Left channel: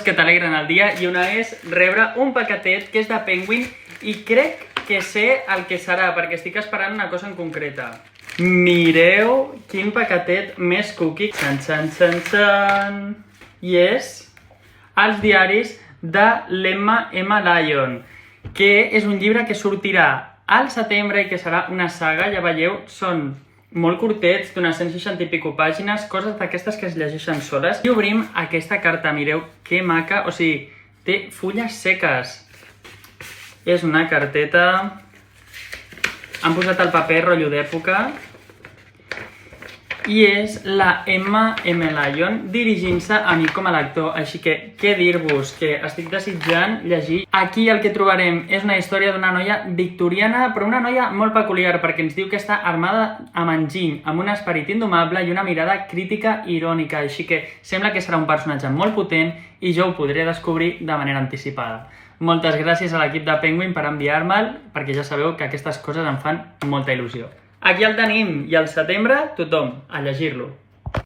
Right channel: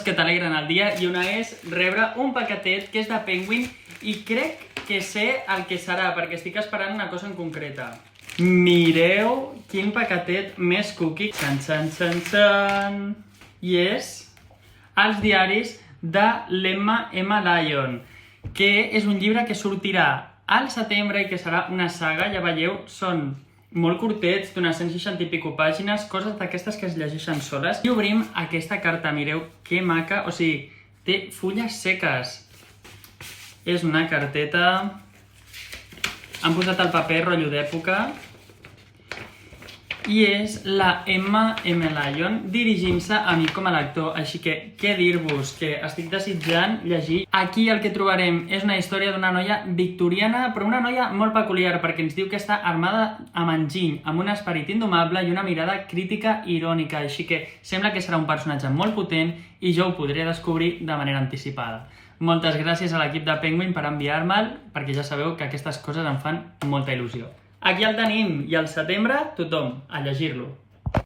que t'alegren el dia i una és rebre un paquetet que és de Penguin i crec que sé el que serà perquè estic esperant una cosa en concreta. Mireu quin paquetet més cookie. Xan, xan, xan, xan. I és els diaris de l'Emma Lyon, que és un llibre que sortirà al setembre i que serà una saga, ja veieu, són molt curtets, d'unes 160 i pico pàgines, coses d'aquestes que es llegeixen soles. I obrim aquesta carta, mireu que maca, o sigui, té fulles seques. És una carteta... Han posat el paper rotllo d'època. I és la Emma Lyon dirigint-se a mi com a lector, així que què dir-vos, que estic desitjant llegir. Aquí el que trobarem és una història d'una noia victoriana, però una noia molt peculiar, perquè ens diu que està armada amb enginy, amb un esperit indomable i una mirada crítica i irònica, així que sembla que serà un personatge molt potent i jo ho podré descobrir de manera anticipada. Moltes gràcies a l'equip de Penguin per enviar-me'l, perquè ja sabeu que aquestes coses em fan molta il·lusió. Aquí el tenim, i al setembre tothom a llegir-lo.